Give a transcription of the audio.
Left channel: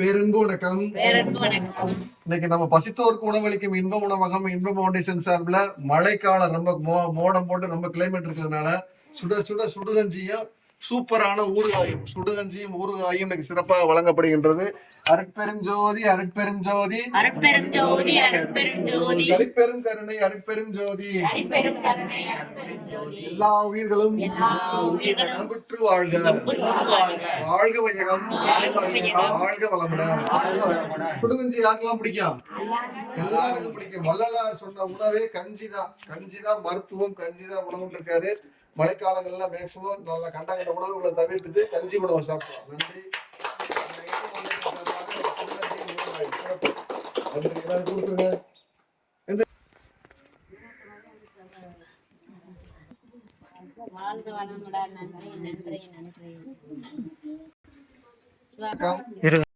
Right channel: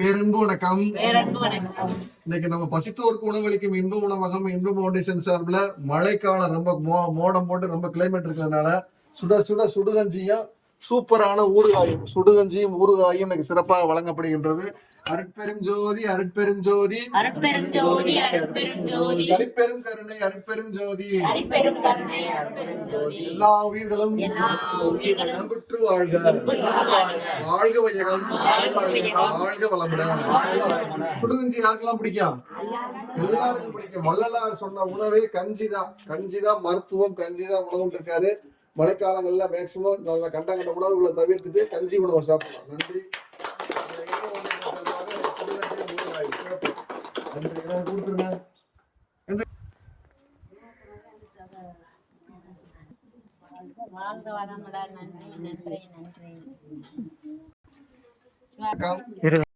பேரன்பு வணக்கம். இன்னைக்கு நம்ம பசித்தோருக்கு உணவளிக்கும் இன்ப உணவகம் இன்ப ஃபவுண்டேஷன் சார்பில் மழைக்காலம் ரொம்ப மோடம் போட்டு ரொம்ப கிளைமேட் இருக்கிறதுனால சுட சுட சுடுகஞ்சியும் சூப்பரான ஊறுகாயும் சுடுகஞ்சியும் ஊறுகாயும் இன்னைக்கு சிறப்பாக வழங்கப்படுகின்றது. அருட்பெரும் ஜோதி அருட்பெரும் ஜோதி தனிப்பெரும் கருணை அருட்பெரும் ஜோதி அருட்பெரும் கருணை அருட்பெரும் ஜோதி எல்லா உயிர்களும் எல்லா உயிர்களும் வாழ்க. வாழ்க. வையகம். வாழ்க வளமுடன். சுடுகஞ்சி யாருக்கெல்லாம் பிடிக்கும்? எல்லாருக்கும் பிடிக்கும். வள்ளலார் சொன்ன உணவே கஞ்சி தான் கஞ்சி தான் மருத்துவம் கஞ்சி தான் உணவுன்னு இருக்காரு. மழைக்காலங்கள்ல மேக்சிமம் நல்ல கண்ட கண்ட உணவுகளை தவிர்த்துட்டு கஞ்சி உணவை சாப்பிடலாம். நன்றி. வாழ்க வளமுடன். நன்றி நன்றி நன்றி.